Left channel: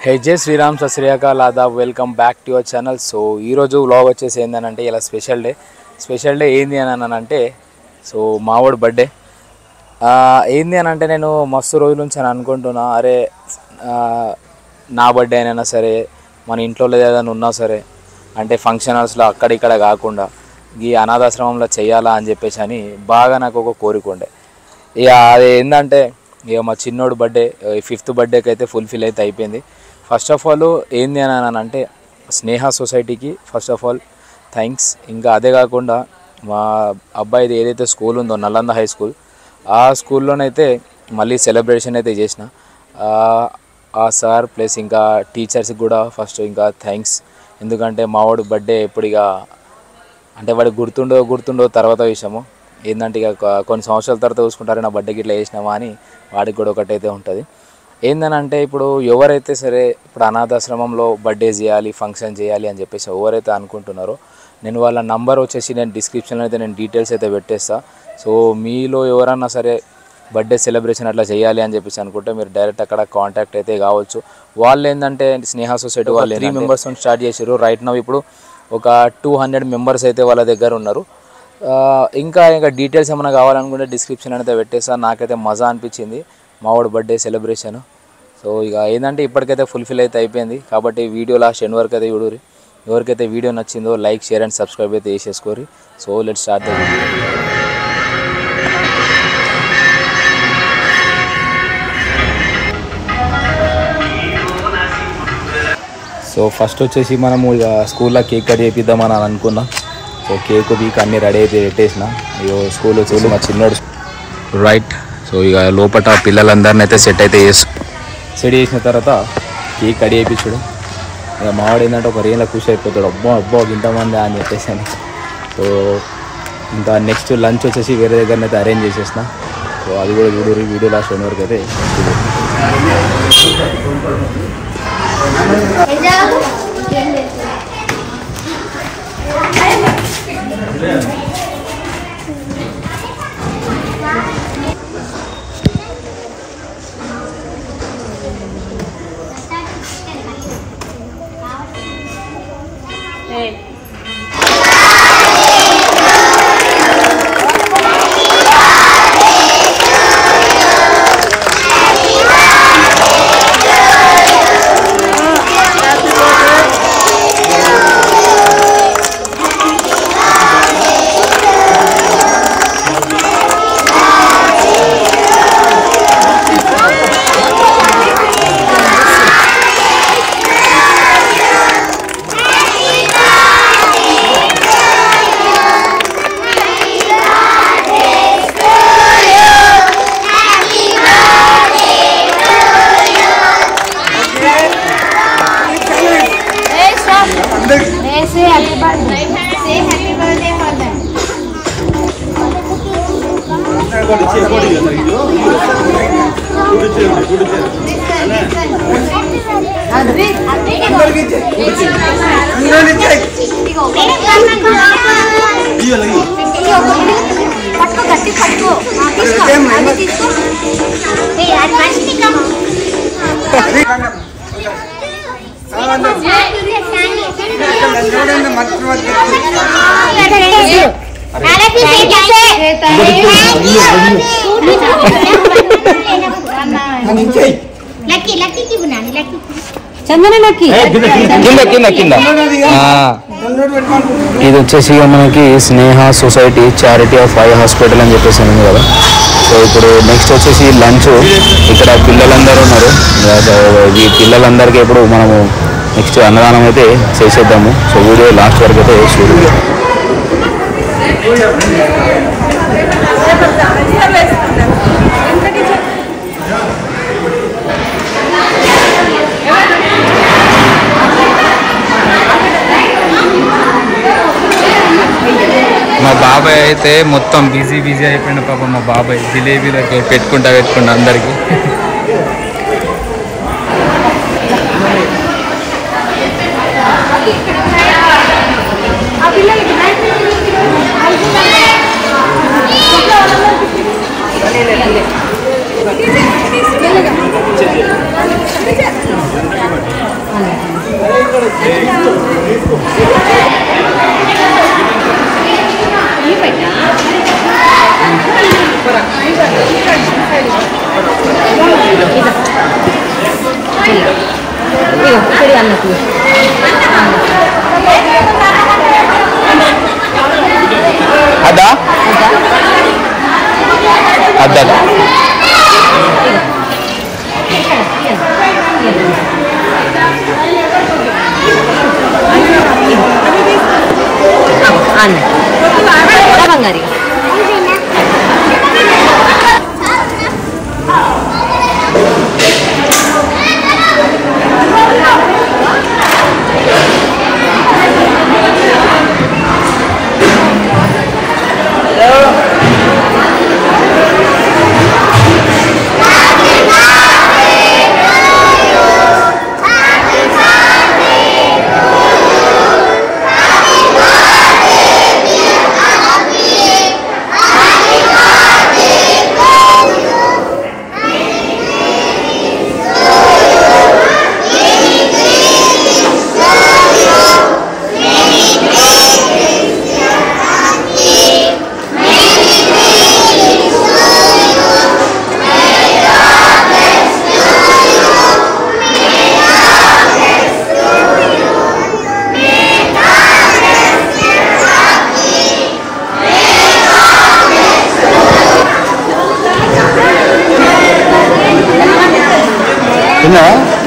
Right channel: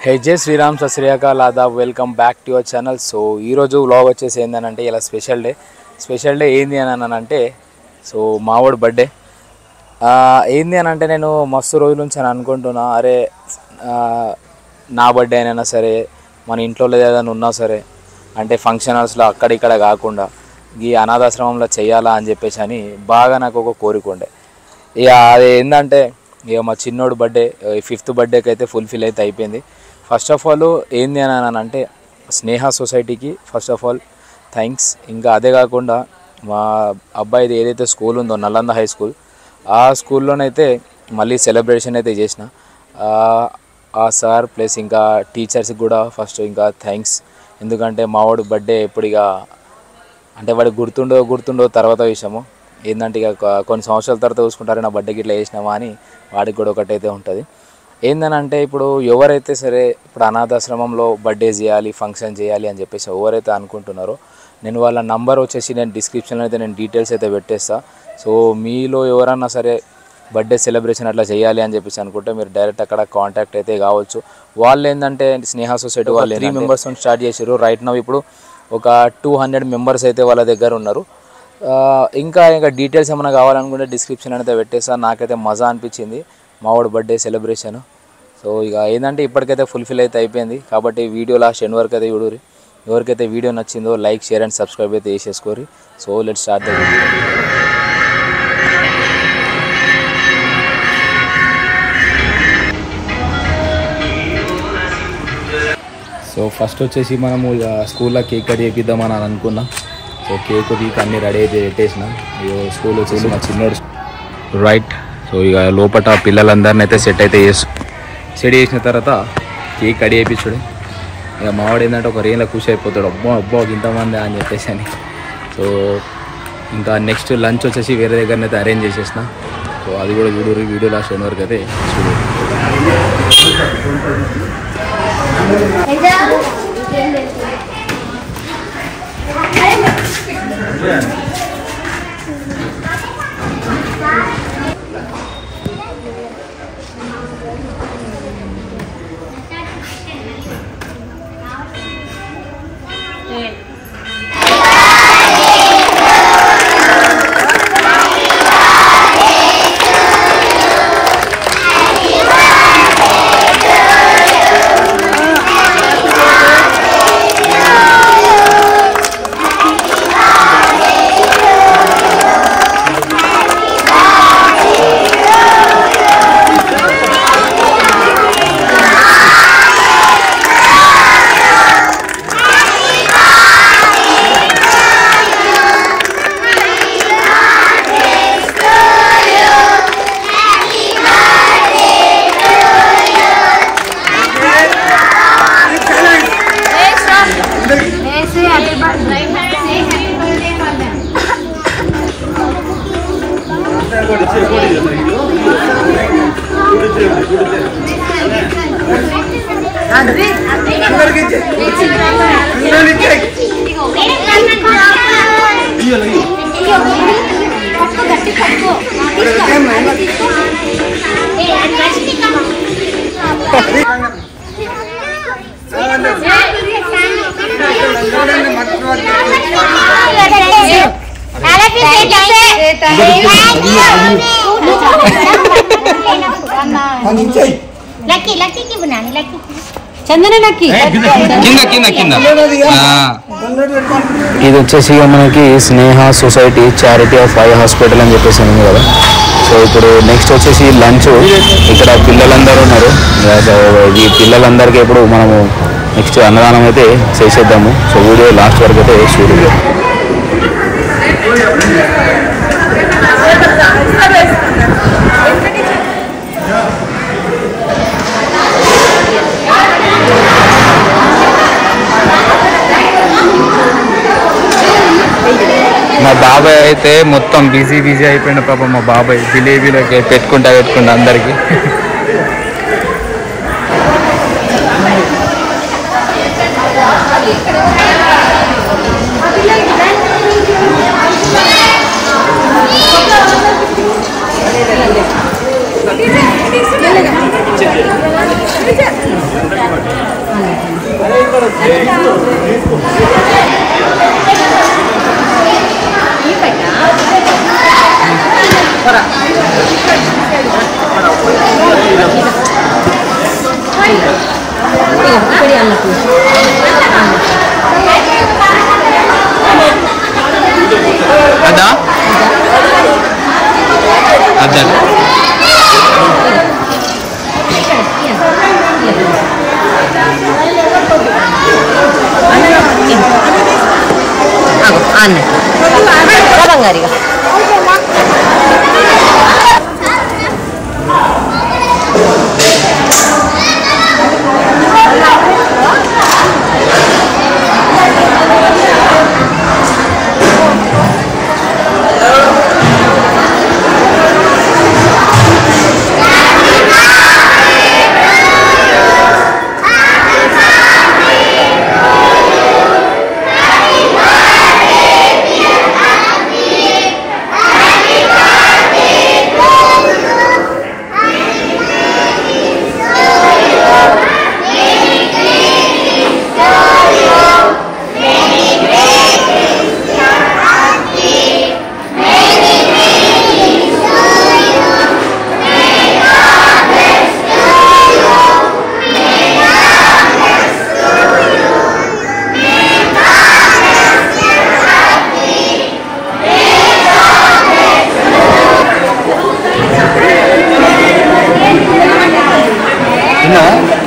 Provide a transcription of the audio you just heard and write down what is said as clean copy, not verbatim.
Hey Jai Sri Ram Sat Sri Akal Adab, welcome back to your channel. So ee roju vlog vachesi endante ila special day endi anante so maavodu birthday endi anante nenu mastu rojulu nunchi anukuntuna are na birthday aina sare mana intlo ledana unna sare ante function halls lo akkada ikkada gaakunda ee anadashramamlo cheyala ani cheppesi ani baaga naaku oka korikonde iga adi endante iga ma chinnodu birthday 5th birthday ki aithe fulfill aithe ayipoyindi. First of all ఏంది అని అంటే స్నేహ సొసైటీకి first of all thanks. ఇంకా అదే కాకుండా మా అబ్బాయిది ఏదైతే స్కూల్ ఉందో నలంద హై స్కూల్, ఆ స్కూల్లోనైతే మళ్ళీ సెలబ్రేషన్ అయితే చేసిన ఆ సార్ ప్లస్ ఇంకా టీచర్స్కి కూడా ఫస్ట్ ఇంకా థ్యాంక్స్. ఎందుకంటే మావాడు బర్త్డే ఎప్పుడు ఇక అంటే వాడికి గుర్తుండో తర్వాత విషయము ఏంటంటే ఇక కొన్ని సంవత్సరాల తర్వాత చూసుకుంటారు నా బర్త్డేకి ఇట్లా చేసినామా అని వాడికి కూడా ఒకటైతే ఉంటుంది. ఏందనంటే ఇప్పుడు ఎవరైతే సరే ఇప్పుడు అనాథాశ్రమంలో బర్త్డే చేయాలి ఫంక్షన్ చేయాలి అని చెప్పేసి ఎవరైతే అనుకుంటున్నారో నేను వాళ్ళ నంబర్ వచ్చేసి నేను డిస్క్రిప్షన్లో అయితే నేను డీటెయిల్స్ అయితే పెట్టేస్తా. సో మీలో ఎవరన్నా సరే బర్త్డే సెలబ్రేషన్ అట్లా చేయాలి అని చెప్పేసి అనుకుంటే మీరు డైరెక్ట్ అక్కడ కాంటాక్ట్ అయితే కావచ్చు. వాళ్ళు ఏంటంటే స్నేహ సొసైటీ వాళ్ళు 3 మెంబర్స్ స్టార్ట్ చేశారు. రైట్ నౌ ఇప్పుడు ఒక 200 మెంబర్స్ అయితే వాళ్ళ దగ్గర ఉన్నారు. ఇంకా డీటెయిల్స్ ఏమైనా కావాలనుకుంటే డిస్క్రిప్షన్ అయితే పెట్టేస్తా. నాకైతే మజా అనిపించింది మావాడు బర్త్డే సెలబ్రేషన్. సో ఇక ఏంటంటే ఇప్పటికైతే ఫుల్ఫిల్ అయితే అయిపోయింది. కాబట్టి వీడియో లాస్ట్ ఎండ్ వరకు అయితే చూడురి. ఎవరికైతే వీడియో నచ్చిందో లైక్ షేర్ అండ్ సబ్స్క్రైబ్ అయితే చేసేసుకోరి. So let's start the video. So first వచ్చేసి మనము ఇక స్కూల్లో కేక్ కట్ చేపిద్దామని అనుకున్నాం. సో కేక్ వీక్ అన్నీ రెడీ అయితే పెట్టేసిన. ఇక స్కూల్లో చూసి మా చిన్నోడు రైట్. సో ఇక లోపల పిల్లలందరినీ అయితే సెట్ చేసిన తర్వాత కేక్ కట్ చేయించుడు. ఇక మావాడు ఏంటంటే ఒక రేంజ్లో ఖుషి అయిపోతాడు, అబ్బో ఇంతమంది అని చెప్పేసి అని. సో ఇంకా నెక్స్ట్ లంచ్ వచ్చేసి వేరే దగ్గరనైతే అరేంజ్ చేసేసిన. సో అది కూడా చూడరు వీడియో లాస్ట్ ఎండ్ వరకు అయితే చూడరు. ఇది వచ్చేసి మనకి Sneha society charity of eye hospital అని చెప్పేసి ఉంది కదా. సో ఇప్పుడు నెక్స్ట్ వచ్చేసి లంచ్. ఇక్కడ పిల్లలందరూ ఉన్నారు. ఈ పిల్లలందరికీ ఇప్పుడు మనము నెక్స్ట్ అన్నదానం అయితే చేసేద్దాము. సో వీడియో లాస్ట్ వరకు అయితే చూడండి. మా బాబాయ్ అయితే మొత్తం బిజీ అయిపోయింది పాప. మా బాబాయ్ జిలేబీలకి పెట్టుకుంటా అందరికీ. అదా అద్దా తిన్నా